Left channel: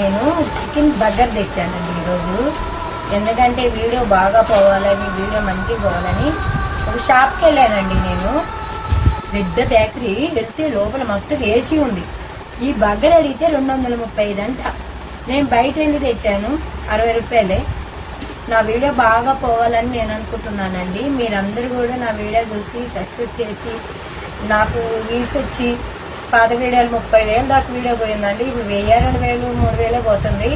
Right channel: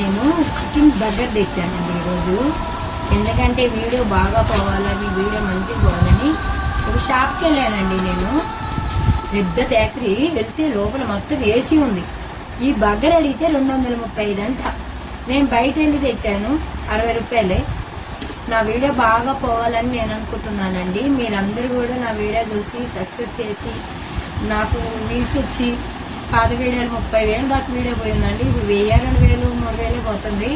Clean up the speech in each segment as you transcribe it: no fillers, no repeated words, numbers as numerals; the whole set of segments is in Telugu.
నేను చికెన్ బర్గర్ తెచ్చానండి ఈరోజు. ఎందుకంటే వీడియో బాగా పోవాలని, వీడియో మంచిగా పోవాలని ఒక షాప్కి వెళ్ళానండి. నేను పెద్ద బేకరీ వెళ్తే లోపల మొత్తం ఏసీ ఉంది. ఈ బర్గర్ అడిగితే 235 అంట. నేను బయట వెళ్ళి తెచ్చాను, 60 రూపాయలే. నా వీడియో బాగా పోవాలని నేను అనుకుంటున్నానండి. మీరందరూ కూడా నా వీడియో చూసి సక్సెస్ చేసి నాకు వ్యూస్ వచ్చి, పాత వీడియోలు 30,000 దాకా వీడియో పోయిందండి. ఇప్పుడు 1000, 2000, 3000 పోతుంది.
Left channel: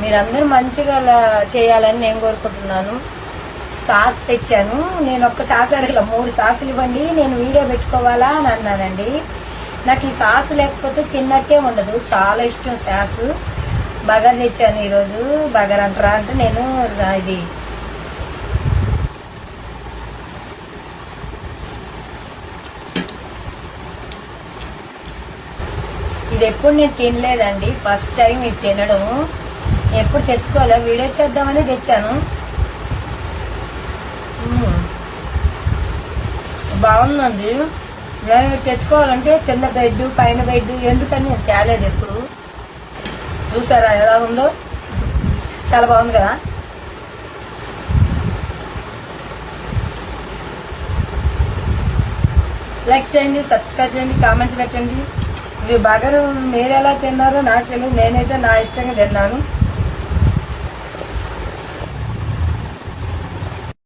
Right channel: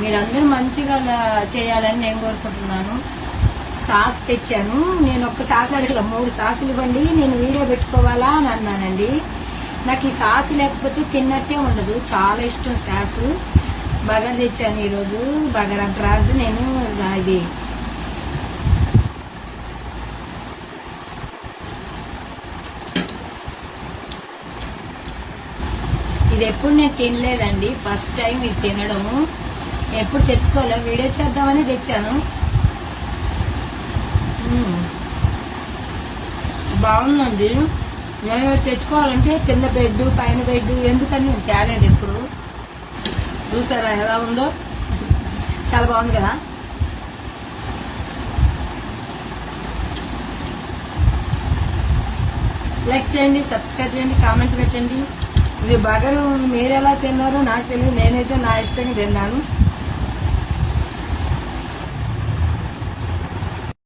మీరందరూ మంచిగా చేయాలని నేను కోరుకుంటున్నాను. సాస్ తెచ్చాను. నేను ఒక్క సాస్ అడగల, 3 సాసులు ఇవ్వండి, నేను వీడియో పెట్టుకోవాలా అని అన్నానండి. నాకు ఈ సాసు లేకపోతే తిన్నట్టే ఉండదు, చాలా ఇష్టం సాసు. బర్గర్ తెచ్చాను ఈరోజు. బర్గర్ అంటారా అంటే నేను ఇది ఎప్పుడు నేను తినలేదండి, ఫస్ట్ టైం ఇది తినడం. ఎప్పుడు తెచ్చుకోలే, వీడియో చేద్దామని తెచ్చాను. బాగుందండి. నేను తెచ్చుకోవాలంటే కింద బెడ్, పైన బెడ్, ఎందుకని నేను తేలేదు ఎప్పుడు. చూసారా ఎలా ఉందో, చాలా బాగుంది కదా. లైక్ చేయండి, సబ్స్క్రైబ్ చేయండి, కామెంట్స్ పెట్టండి. ఇది బర్గర్ మీరు ఎలా తిన్నారో నాకు తెలియదు, నేనైతే నా ఇష్టంగా తిన్నాను.